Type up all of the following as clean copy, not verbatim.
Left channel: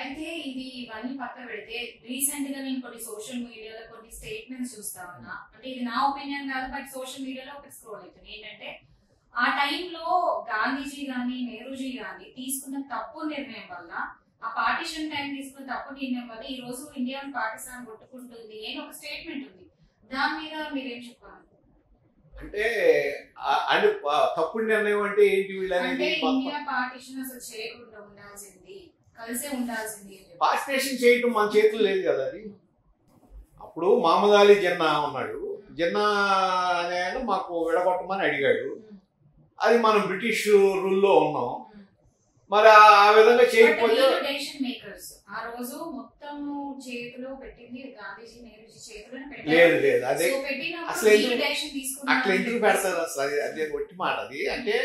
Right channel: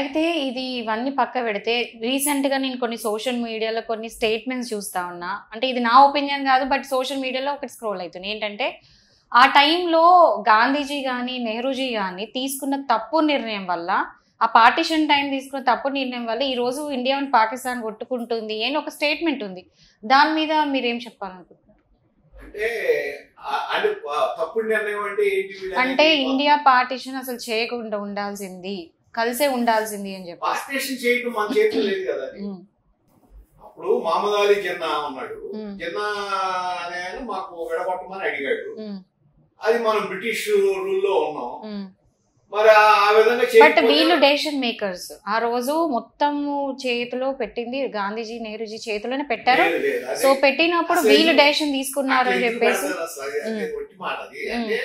అయితే ఇది ఇవన్నీ పక్క పెడితే రీసెంట్‌గా నేను కొన్ని సోషల్ మీడియాలో కొన్ని స్టేట్మెంట్స్ చూస్తా ఉన్నా. అంటే ఇది నా ఒపీనియన్ కాదు. బట్ సోషల్ మీడియాలో ఒకటి స్క్రోల్ అయితుంది. ఏంటంటే ఆ టైంలో గాంధీజీ గాని, నెహ్రూజీ గాని తీసుకున్న తప్పు నిర్ణయం వల్ల ఆ పార్టిషన్ టైం తీసుకున్న తప్పు నిర్ణయం వల్ల ఈరోజు ఇండియా అండ్ పాకిస్తాన్ కొట్టుకుంటుంది అని ఒక స్టేట్మెంట్ ఉంది. దాని మీద మీరేం చెప్పాలనుకుంటున్నారు? అంటే అంటే తప్పుడు నిర్ణయం అంటే ఏంటి? అంటే ఇండియా పార్టిషన్ అసలు చేయకుండా ఉండాల్సింది, కలిసే ఉండాల్సింది అని చెప్పి. పార్టిషన్ చేయటం మన చేతులు లేదు కదా. అది అప్పుడు మహమ్మద్ అలీ జిన్నా ఉన్నాడు. జిన్నా అనే ఆయన మాకు విడగొట్టమని అడిగాడు. అది మనం బ్రిటిష్ రూల్లో ఉన్నాం. మరి ఆ విధంగా వీళ్ళు డెసిషన్ మేకర్స్. ఆ రోజు మొత్తం చేతిలో పెట్టింది గాంధీజీ నెహ్రూజీ చేతిలోనే పెట్టారు. సో పెట్టినప్పుడు వీళ్ళు డెసిషన్ తీసుకున్నారు అని చెప్పేసి ఒట్టి మాట అది. అంటే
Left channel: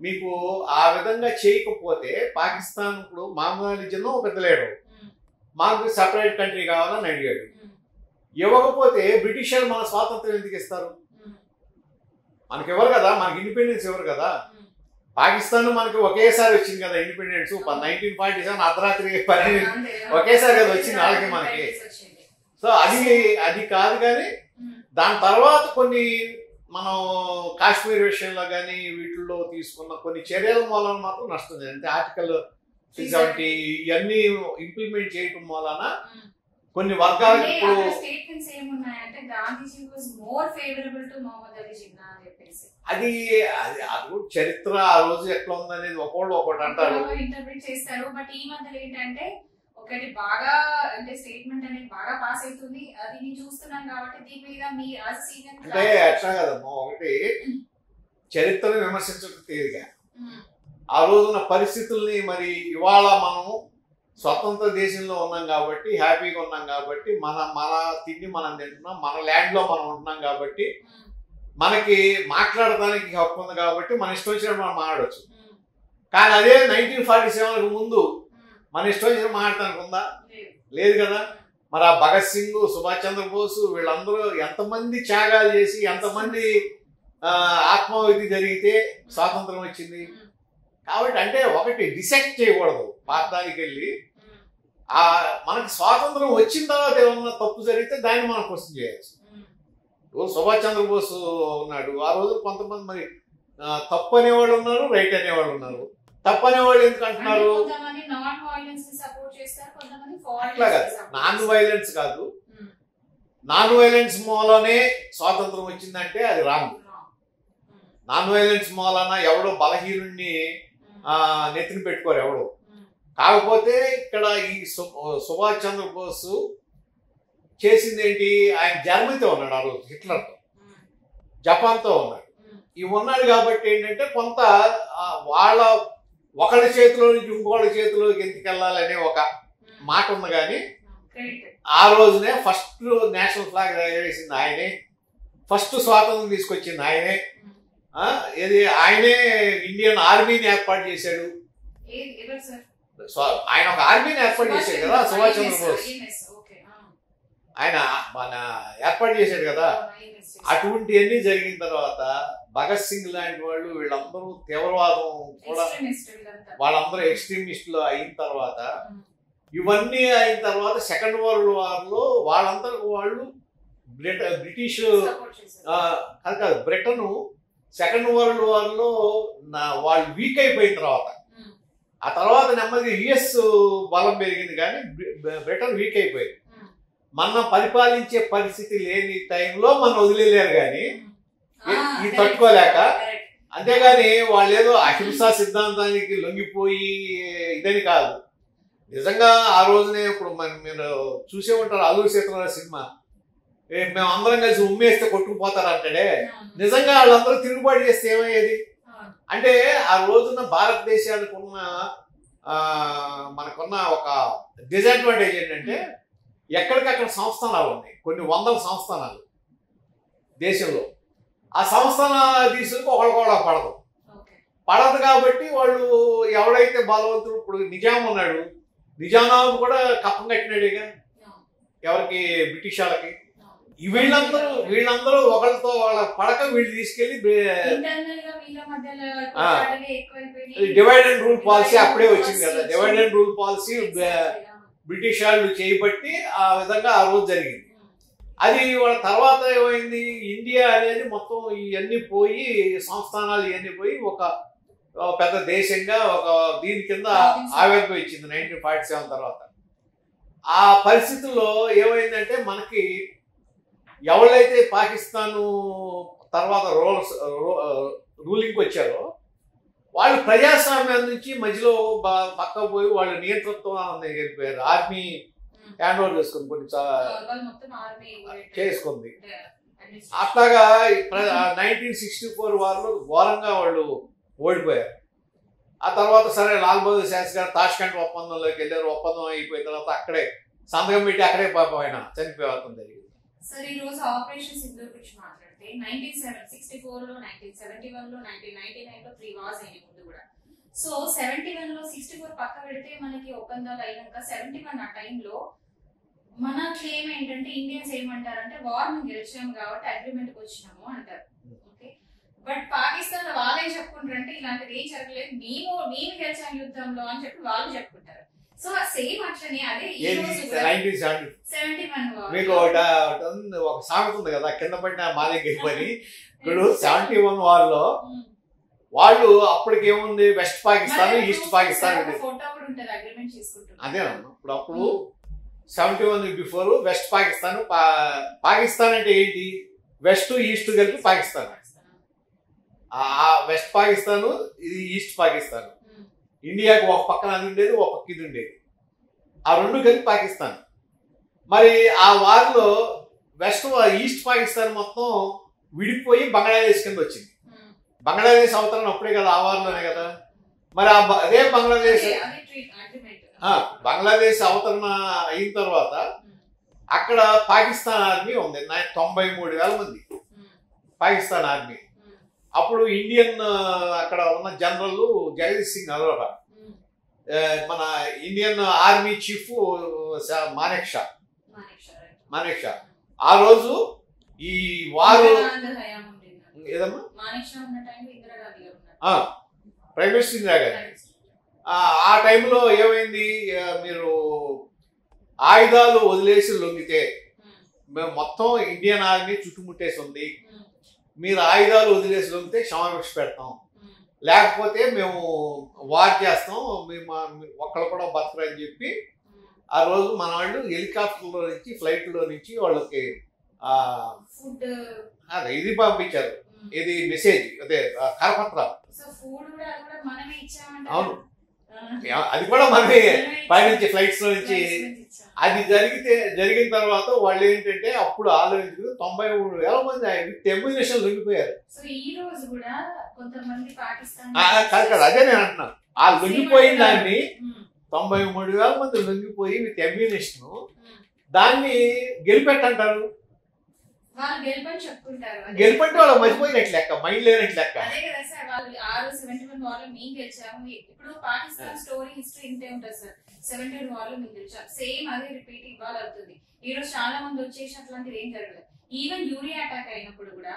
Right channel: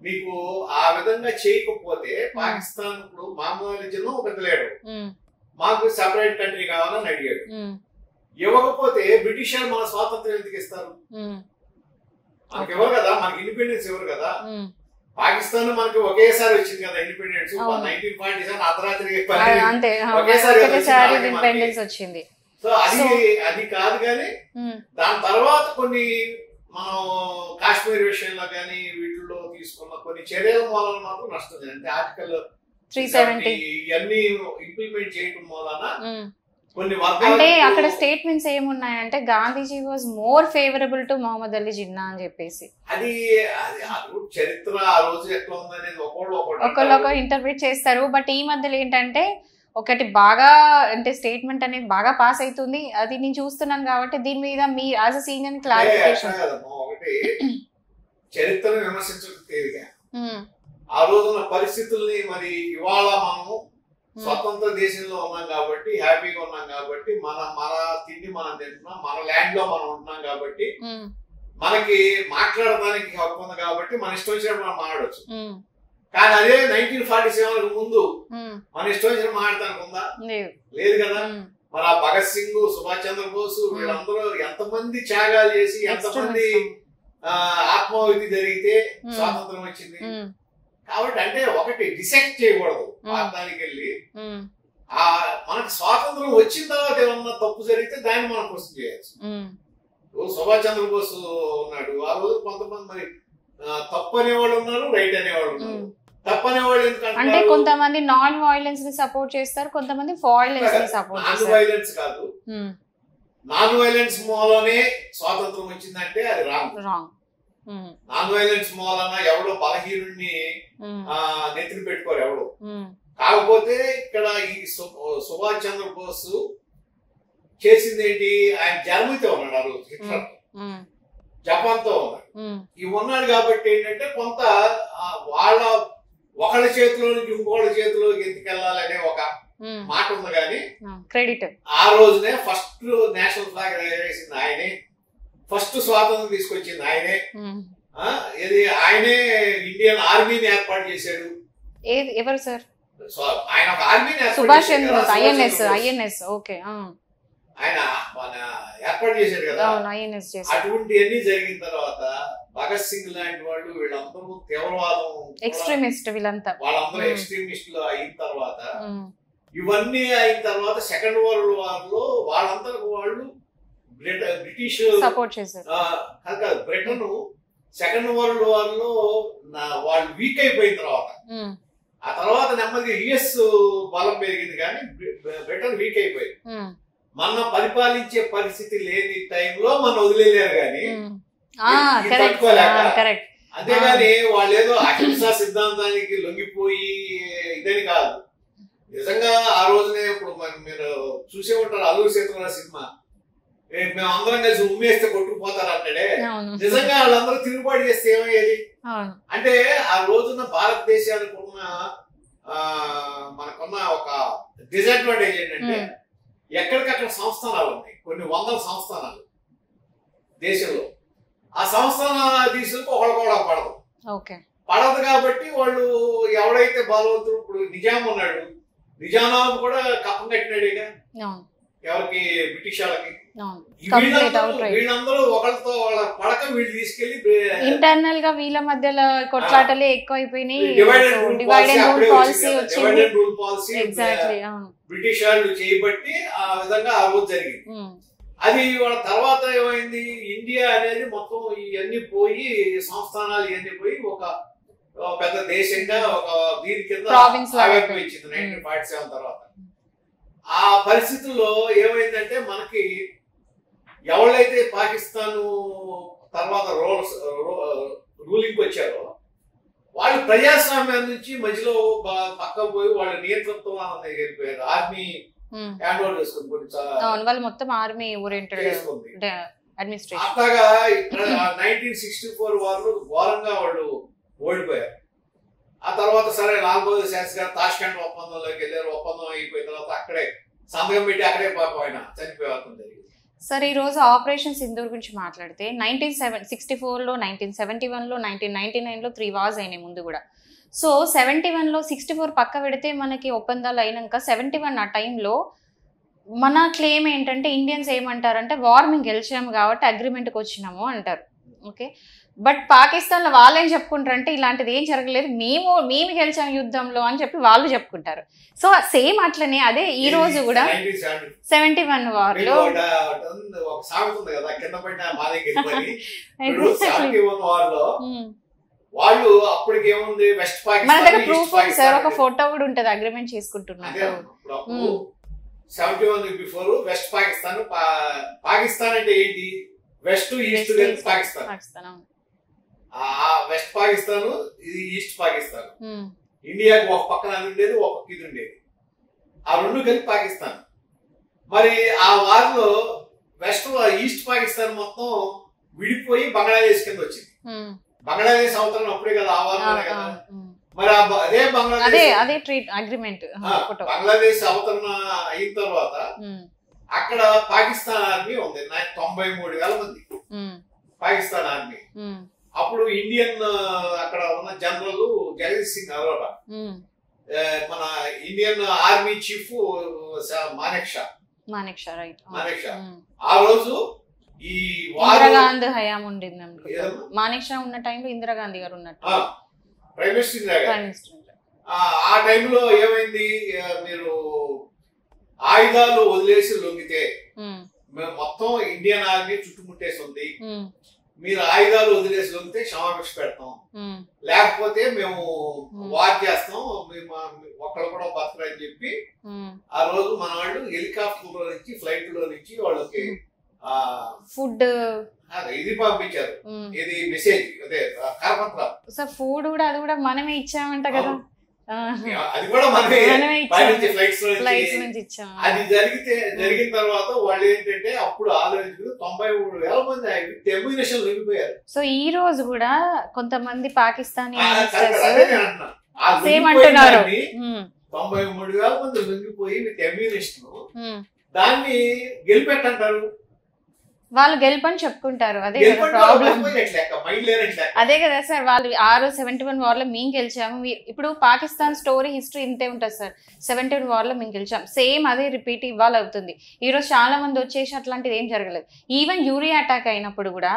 మీకు ఆ విధంగా చేయకపోతే పాకిస్తాన్ ఇప్పుడు మహమ్మద్ అలీ జిన్నా ఒక పెద్ద లీడర్, మాకు సెపరేట్ కంట్రీ కావాలని అడిగాడు. ఇవ్వకపోతే బ్రిటిషర్ మన స్వాతంత్రం ఎందుకు ఇస్తారు? మనకి ఎవరు కదా, మనకి ఇండిపెండెన్స్ ఎవరు కదా. పాకిస్తాన్ మనకి ఒకేసారి వచ్చింది కదా ఇండిపెండెన్స్. 1947 అర్ధరాత్రి ఒకేసారి వచ్చింది. సో అది కాదు. కానీ దాని తర్వాత కొన్ని మనం కాశ్మీర్ విషయంలో కానీ వీటిల్లో తీసుకున్న కొన్ని చర్యల వలన మాత్రం నష్టం. అంటే ఆర్టికల్ 370 ఇవన్నీ ఇంప్లిమెంట్ చేయడం వలన కొన్ని అంటే అక్కడ స్టేట్మెంట్స్ ఏమున్నాయంటే Gandhiji was more favourable to Mohammad Ali Jinnah అని చెప్పేసి. అది చరిత్ర ఆ రోజు ఎట్లా ఉందనేది ఒకళ్ళు ఇంటర్ప్రిట్ చేస్తారు. బట్ ఈ మధ్యలో ఏంటంటే ఒకటి బాగా అంటే స్టేట్మెంట్ అనేది బాగా పాస్ అవుతుంది. అది నేను చూస్తున్నాను కాబట్టి దీని మీద me as a senior clarification. ఒకటి చరిత్రను విమర్శించడం తేలిగా, ఆ రోజున పరిస్థితుల్ని మరి ఇవాళ మనం స్వతంత్ర దేశంలో ఉన్నాం కాబట్టి హ్యాపీగా ఉన్నాం కాబట్టి మన తిండి మనం తింటున్నాం, మన ల్యాండ్ లో మనం ఉంటున్నాం కాబట్టి మనకి మాట్లాడడానికి హక్కు ఉంది కాబట్టి మన ఇష్టం వచ్చినప్పుడు మనం మాట్లాడవచ్చు. కానీ అదే 1947 ముందు మన ఇష్టం వచ్చినప్పుడు మాట్లాడటానికి ఉందా? లేదు కదా. మరి ఆ భగత్ సింగ్, సుభాష్ చంద్రబోస్ వీళ్ళందరూ ఎంతమంది త్యాగాలు చేసి ఎంతమంది ఆత్మాహుతి జరిగితే స్వాతంత్రం వచ్చింది. కాబట్టి అంటే ఒకటి డిసెక్ట్ చేయకూడదు. భారతానికి వెళ్ళి మనకి స్వాతంత్రం వచ్చిన తర్వాత ఏమన్నా తప్పు జరిగితే దాన్ని మనం క్వశ్చన్ చేయొచ్చు. సుభాష్ చంద్రబోస్ ఉన్నాడు, ఆ రోజు కొంతమంది మరి తప్పు అనేవాళ్ళు ఉన్నారు, రైట్ అనేవాళ్ళు ఉన్నారు. తప్పు అనేవాళ్ళు ఎందుకంటే కొంతమంది నాన్ వైలెన్స్ ని సపోర్ట్ చేస్తారు, కొంతమంది నాన్ వైలెన్స్ కాదు. నాన్ వైలెన్స్ మూలనే స్వాతంత్రం వచ్చిందంటే అది రాంగ్. నాన్ వైలెన్స్ మూలన ఎవడో బలహీనుడిని నెత్తిని పెట్టుకోరు ఎవడు. కాకపోతే ఇక్కడ ఈ సుభాష్ చంద్రబోస్ చేసింది ఏంటి? ఆయన జర్మనీతో ఉన్నాడు, ఆ రోజు హిట్లర్ జపాన్ తో ఉన్నాడు. ఇవి ఉన్నాడు కాబట్టి ఏంటంటే కొంత వాళ్ళ ఒకళ్ళ చేతిలో నుంచి ఇంకోళ్ళ చేతిలోకి ఎందుకెళ్ళాలనే ఒక మాట ఉంది. కానీ క్రెడిట్ ఆ రోజునే ఫస్ట్ నేషనల్ ఫ్లాగ్ వేసింది ఆయనే, ఫస్ట్ స్వాతంత్రం తీసుకొచ్చింది ఆయనే. ఆయనే ఇండియన్ ఆర్మీని ఏర్పాటు చేశాడు. ఎవరు సార్? ఆయన ఒక ఆర్మీని ఆయన మన ఏర్పాటు చేశాడు కదా. అటువంటివన్నీ జరిగిన తర్వాత భగత్ సింగ్ లాంటి వాళ్ళు వీళ్ళందరూ తీవ్రవాదం వాళ్ళందరూ ఎక్స్ట్రీమిస్టులు అయిన తర్వాత ఇవన్నీ అయిన తర్వాత సెకండ్ వరల్డ్ వార్ లో వాళ్ళందరూ వాళ్ళు బ్రిటిష్ కాదు బ్రిటన్ సెకండ్ వరల్డ్ వార్ లో వాళ్ళు వీక్ అయిపోయిన తర్వాత ఆ తర్వాత నెమ్మది యుఎస్ బలం పెరిగింది కానీ బ్రిటన్ వీక్ అయిపోయింది. మన పరిపాలించే పరిస్థితి లేని టైంలో మనం వదిలేరు కానీ తట్టుకోలేక. అంతేగాని వాళ్ళు ఏదో అహింసా సిద్ధాంతానికి లొంగిపోయి ఇదని కాదు. నిజంగా ఆ రోజునే ఇప్పుడు మీరు చూసే ఉంటారు అల్లూరి సీతారామరాజు సినిమా, మేము అందరం కలిసి ఉమ్మేస్తే కొట్టుకుపోతారు అంటాడే. నిజంగా వాళ్ళందరూ తిరుగుబాటు చేస్తే ఏమయ్యేది? అంటే ఆ రోజున భారతదేశానికి మనకున్న ఒక డిసడ్వాంటేజ్ ఏంటంటే ఎక్కడికక్కడ సంస్థానాలు ఉన్నాయి, కొన్ని వందల సంస్థానాలు దేశంలో. ఆ సంస్థానాలు తీసుకు ఒకళ్ళ పడదు కాబట్టి వాళ్ళు ఎవడైతే బలవంతుడు, ఇప్పుడు నిజాం ఉన్నాడు, నిజామాబాద్ కూడా కప్పం కట్టినాడేగా. ఎవరికి బ్రిటిష్ వాళ్ళకి. వీళ్ళందరూ ఒకరితో వాళ్ళ పడక వీళ్ళు తీసుకెళ్లి ఇంటర్నల్ గా వీళ్ళ మధ్యలో కొట్లాటలే ఎక్కువైపోయినాయి. డివైడ్ అండ్ రూల్ పాలసీ అప్పుడే వచ్చింది. Divide and rule policy British వాళ్ళు చేయబట్టి ఆ విధంగా ఆ రోజు జరిగింది. అది వాళ్ళ తర్వాత ఏమైంది, ఇండియా అనేది మొత్తం ఇవన్నీ పోయి సంస్థానాలు ఇవన్నీ పోయి ఒక పెద్ద దేశంగా ఒక దీని కింద ఆవిర్భవించింది 1947 తర్వాత. ఆ పరిస్థితుల్లో ఏమైందంటే మనకి ఎవరైతే పాకిస్తాన్ తర్వాత రూలింగ్ వచ్చారో వాళ్ళు ప్రజాస్వామ్యం నుంచి మధ్యలో పక్క పోయి వాళ్ళ నియంత్రణతో వెళ్ళిపోయారు. ఆర్మీ హ్యాండ్ ఓవర్ చేసుకుంది, మొత్తం ఆర్మీ చేసుకుంది. అట్లాగా 1964 వాళ్ళు ఘోరంగా వాళ్ళు ఓడిపోయారు. ఆ తర్వాత సరే లాల్ బహదూర్ శాస్త్రి గారు తాష్కెంట్ ఒప్పందంలోకి వెళ్ళారు. ఒప్పందం అయిపోయిన తర్వాత అక్కడే సంతకం పెట్టి అక్కడే పాపం ఆయన చనిపోతుంది. సార్ ఈ రోజు ఆపరేషన్ సింధూర్ గురించి మాట్లాడితే 1964లో 1971లో 1999లో 3 వార్స్ అయినాయి ముందు కూడా. సో 71లో 64 పక్క పెడితే మనకి ఒప్పందాలు అయినాక 71 ఆ టైంలో మన క్లెయిమ్ ఏంటంటే ఇండియన్స్ ఏమంటారంటే వార్ మేము గెలిచాము కాబట్టి అగ్రిమెంట్కి వచ్చినాము అంటారు. ఓకే, బట్ పాకిస్తాన్ లో వాళ్ళు ఏం చెప్పుకుంటారంటే ఇలాంటిది ఏం జరగలేదు, మేము గెలిచాము యుద్ధంలో అని చెప్పి వాళ్ళు చెప్పుకుంటారు. సో సేమ్ అట్లనే అదే ఈ రోజు కూడా 71 వార్ లో వాళ్ళు అప్పటికేముంది వెస్ట్ పాకిస్తాన్ ఈస్ట్ పాకిస్తాన్ ఒక ఫోటో కూడా ఉంటది అగ్రిమెంట్ చేసుకుంటున్నారు. 71 బిఫోర్ వెస్ట్ పాకిస్తాన్ పాకిస్తాన్ అంటే ఏంటి, వెస్ట్ ఈస్ట్ కలిపి పాకిస్తాన్. వెస్ట్ పాకిస్తాన్ ఇది ఈస్ట్ పాకిస్తాన్. ఇండియాకి ఒక పక్కన అది ఉండేది, ఒక పక్క ఇది ఉండేది, ఆ రెండు కలిపి పాకిస్తాన్. మరి ఆ వార్లో వెస్ట్ ఈస్ట్ పాకిస్తాన్ మొత్తం విడిపోయి బంగ్లాదేశ్ కింద వచ్చింది. బంగ్లాదేశ్ అవతరణ అప్పుడే కదా ఆ వారంలోనే కదా. మరి అదే బంగ్లాదేశ్ అవతరణ అయిన తర్వాత అక్కడ పాకిస్తాన్ ఆర్మీ ఉంది 93,000 మంది పాకిస్తాన్ ఆర్మీ. అప్పుడు ఇండియన్ అక్కడ ఉన్న జనరల్ జగదీష్ సింగ్ అరోరా, మన ఇండియన్ ఆర్మీ చీఫ్ మానేక్షా. ఆ రోజు ఈ ఇందిరాగాంధీ హయాం ఉండింది. మానేక్షా ఉన్న టైంలో ఇందిరాగాంధీ గారు ఉన్నట్టు ప్రైమ్ మినిస్టర్ ఇందిరాగాంధీ. ఆ టైంలో ఏమైంది, మీరు ఆయుధాలు వదిలేసి లొంగితే మేము మొత్తం ఇండియన్ ఆర్మీ చుట్టుముట్టేసి ఉంది, మీరు ఆయుధాలు వదిలేసి లొంగితే క్షమాభిక్ష పెడతాం, లేకపోతే మేము వార్ చేస్తాం, మేము ఒక్కరు కూడా బతకరని చెప్పి ఆ రోజు మన వాళ్ళు హెలికాప్టర్ లో నుంచి ఫ్లైట్ లో నుంచి వాళ్ళకి ఫుడ్ ఇది పంపించారు. ఇది మెసేజ్ అదే కరపత్రాలు. సార్ ఫుడ్ కూడా అది కూడా మనమే ఇచ్చామంట కదా, అది కూడా మనమే పైనుంచి ఫ్లైట్స్ లో నుంచి. అది జరిగిన తర్వాత వాళ్ళు ఏంటంటే అప్పుడు ఆలోచించుకుని 93,000 మంది టెర్మినేషన్ లొంగిపోయారు. సో ఈ రోజు కూడా కొంతమంది పాకిస్తానీ అదే నేను అంటున్నాను, ఆ లొంగిపోయిందాన్ని 93,000 మంది లొంగిపోయి టెర్మినేషన్ దాన్ని గెలిపెట్టంటారు, వాళ్ళు గెలుపని చెప్పుకుంటారు. అదే కదా సార్, వాళ్ళు 71 వార్ లో మేము గెలిచాము. ఇప్పుడు పాకిస్తాన్ స్టోరీ హిస్టరీ ఇంతే ఉంటుంది సార్, 71 వార్ లో మేము గెలిచాం, సేమ్ అదే రిపీట్ ఇవ్వాలి అవుతుంది. ఈ రోజు చాలా మంది వచ్చేసి అట్లాంటిది ఏం జరగలేదు. ఈవెన్ యూరియా అటాక్ అయినప్పుడు కూడా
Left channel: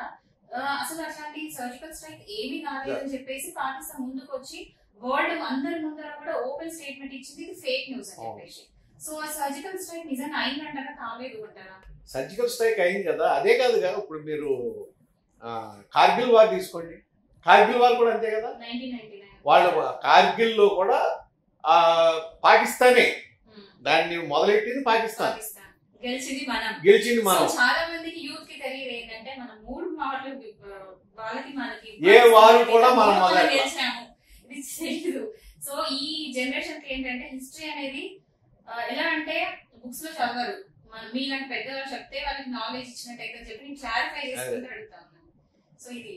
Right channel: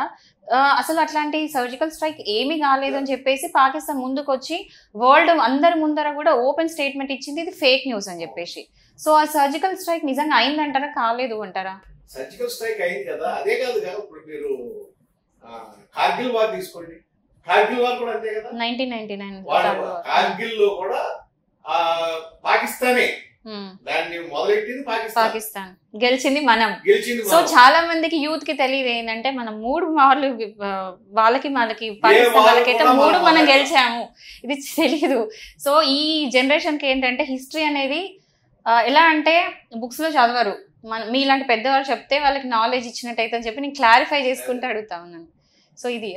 అసలు అట్లాంటి సర్జికల్ స్ట్రైక్ ఏమీ కాలేదు అని చెప్పేసి పాకిస్తాన్ ముందుకు వచ్చి వరల్డ్ అందరి ముందర కూడా ఓపెన్ స్టేట్మెంట్ ఇచ్చింది, ఇది ఫేక్ న్యూస్ అని చెప్పేసి. సో ఆ సర్జికల్ స్ట్రైక్ నిజంగా అయిందంటారా కాలేదు అంటారా? సర్జికల్ స్ట్రైక్ అయింది కదా, అదే కాదు కదా. ఇప్పుడు మీరు కార్గిల్ వార్ తీసుకోండి, కార్గిల్ వార్ కూడా అంతే కదా, 1999 కార్గిల్ లో కూడా పాకిస్తానే దాన్ని మొదలెట్టింది, పాకిస్తాన్ గెలిచింది మనం. సో చాలా మందికి యూత్ కి తెలియదు ఏంటంటే మనం 3 వార్లు వాళ్ళకి మనకి 3 మనం గెలిచాము, ఇది తెలియదు. సో ఈ జనరేషన్ కి ఏంటంటే హిస్టరీ అనేది ఎలా అంటే బుక్స్ లో చదవరు, మీలాంటి పెద్దవాళ్ళు చెప్తే వాళ్ళకి నాలెడ్జ్ ఇచ్చినట్టయితే అని చెప్పి నేను క్లారిఫై చేసుకుంటూ అడుగుతా ఉన్నాను. సో ఇది